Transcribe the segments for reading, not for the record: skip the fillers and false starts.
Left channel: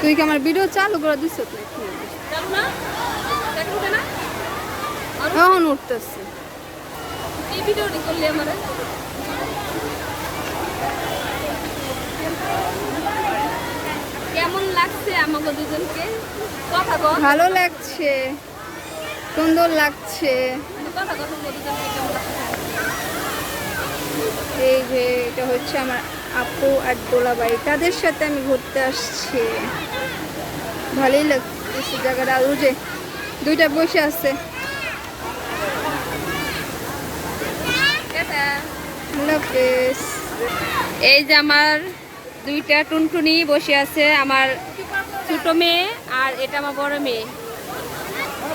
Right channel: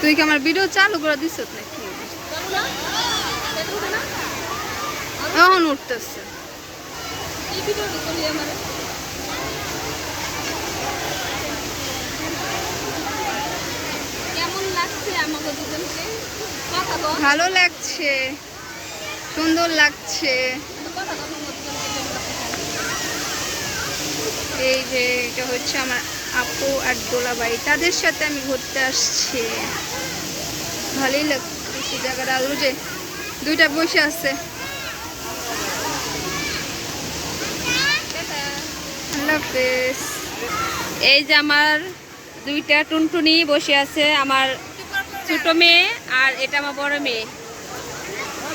তুই কি আমার ভিডিও চালু করে দিছ নাকি? এখন উঠতেছে। কেমন লাগছে আমাকে দুজনকে? কথা বল। ভালো লাগছে, সুন্দর লাগছে। কথা বল দুজনকে কেমন লাগছে? এই যে এটা হচ্ছে আমার আপু আর দোলাবাই, তাদের সাথে আমি ঘুরতে আসছি। ভালোই লাগছে জায়গাটা। আর যে দুইটা বসে আছে। আল্লাহ হাফেজ। এই যে আমার দুইটা টুনটুনি বসে আছে, আমার ছোট মেয়ে আর এটা আমার বড় মেয়ে।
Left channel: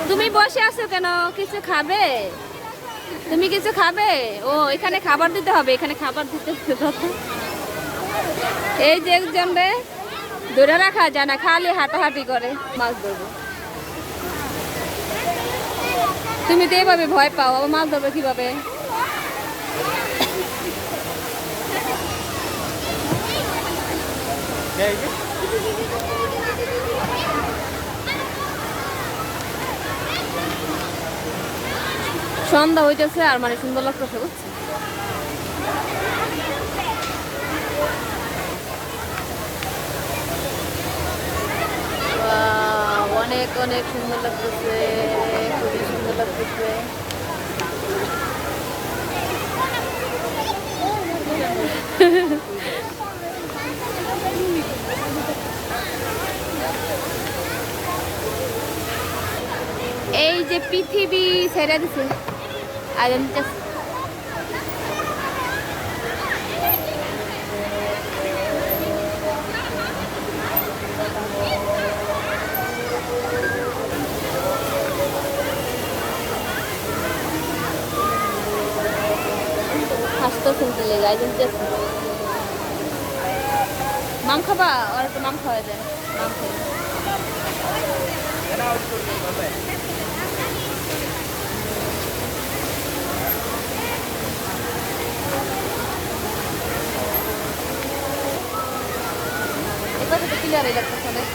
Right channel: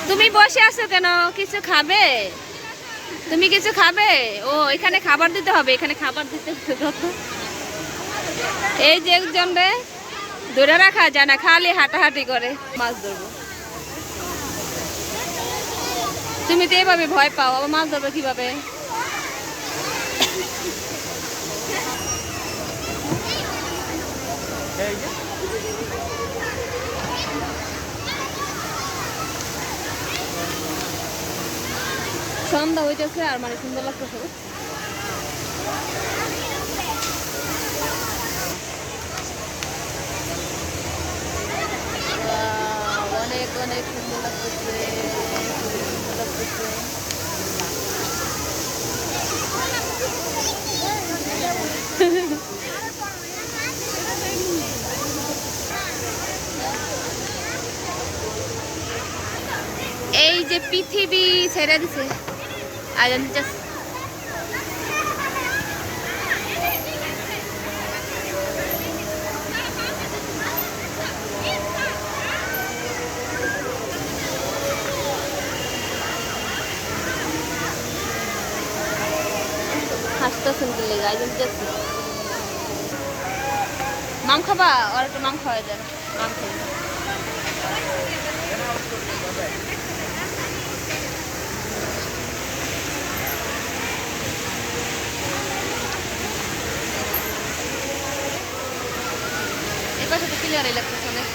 তুমি বসে আছো কেন? কিছু খাবে? তুমি কিছু খাবে? ও এখানে খাবার দিতে হবে, এখানে খাবার দিতে হবে। এই যে একজন রে ধরে রাখা যায় না, খালি হাঁটাহাঁটি করে। মাছ ধরবো। তুমি তো এভাবে ভয় পাও, আবার মাছ ধরবে কিভাবে? সন্ধ্যা হইতেছে আর মানে সুন্দর লাগতেছে, বুঝছি। অনেক অনেক সুন্দর লাগতেছে, খুবই সুন্দর লাগতেছে। এই যে পৃথিবী ছেড়ে দিছে। মাম খাবা? আর একটু মাম খাওয়া যায়। মাম খাই। এই পাশে তো ক্লিয়ারই লাগতেছে অনেক।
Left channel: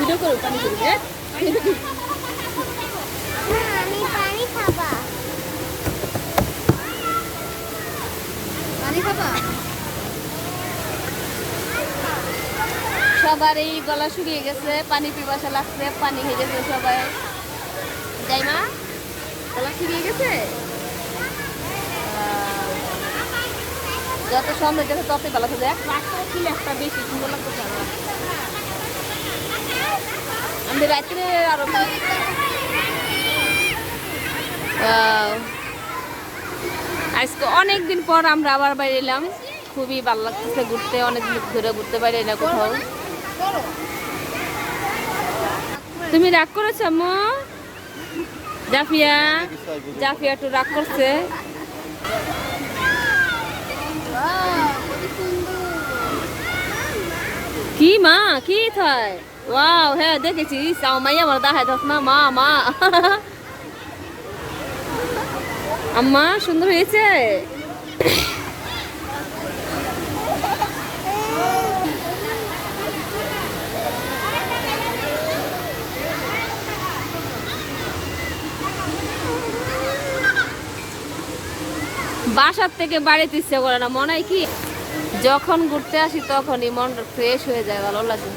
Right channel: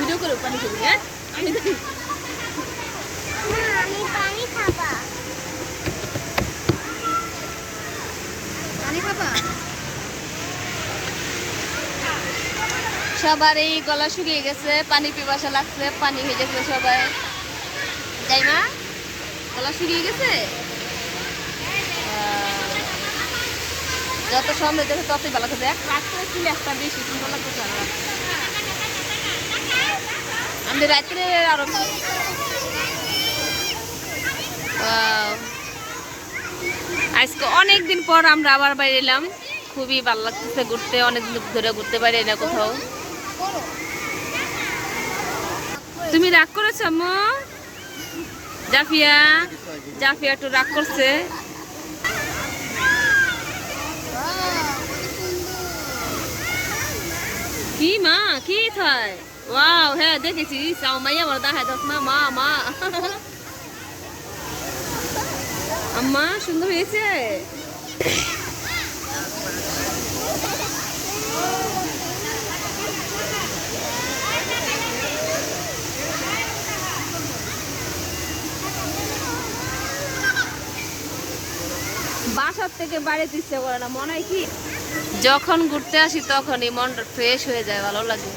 ভিডিও করো, পানি করবি। হ্যাঁ সবার এই গলা শুকিয়ে গেছে, পানি পিপাসা লাগছে, পানি হয়ে গেছে সবাই, তাই না? গলা শুকিয়ে গেছে। যত সামনে দেখো তত ভালো থাকবে। একটা বেশি সুন্দর লাগতেছে। আমি রাত্রে আরো আজকে অনেকদিন পর আমরা আবার বাইরে এলাম, খুবই ভালো লাগতেছে ঘুরতে। অনেকদিন ধরে ঘুরতে বাইরে না কোথাও। তুমি রাগ করেছো আম্মু? জাফিয়া জাফিয়া একটু রাগ করছে। কি মা কি থাই? ওয়াও, হ্যাঁ দেখেছি। চাও মাইয়া আমার দেখাই দাস না। মা মা আম্মা সুন্দর হয়েছে। বাসার থেকে বাড়িতে ইচ্ছে করে না, মনে হয় কি যখন ঘুরতে আসি তখনই মনটা ফ্রেশ হয়ে যায়, ভালো লাগে।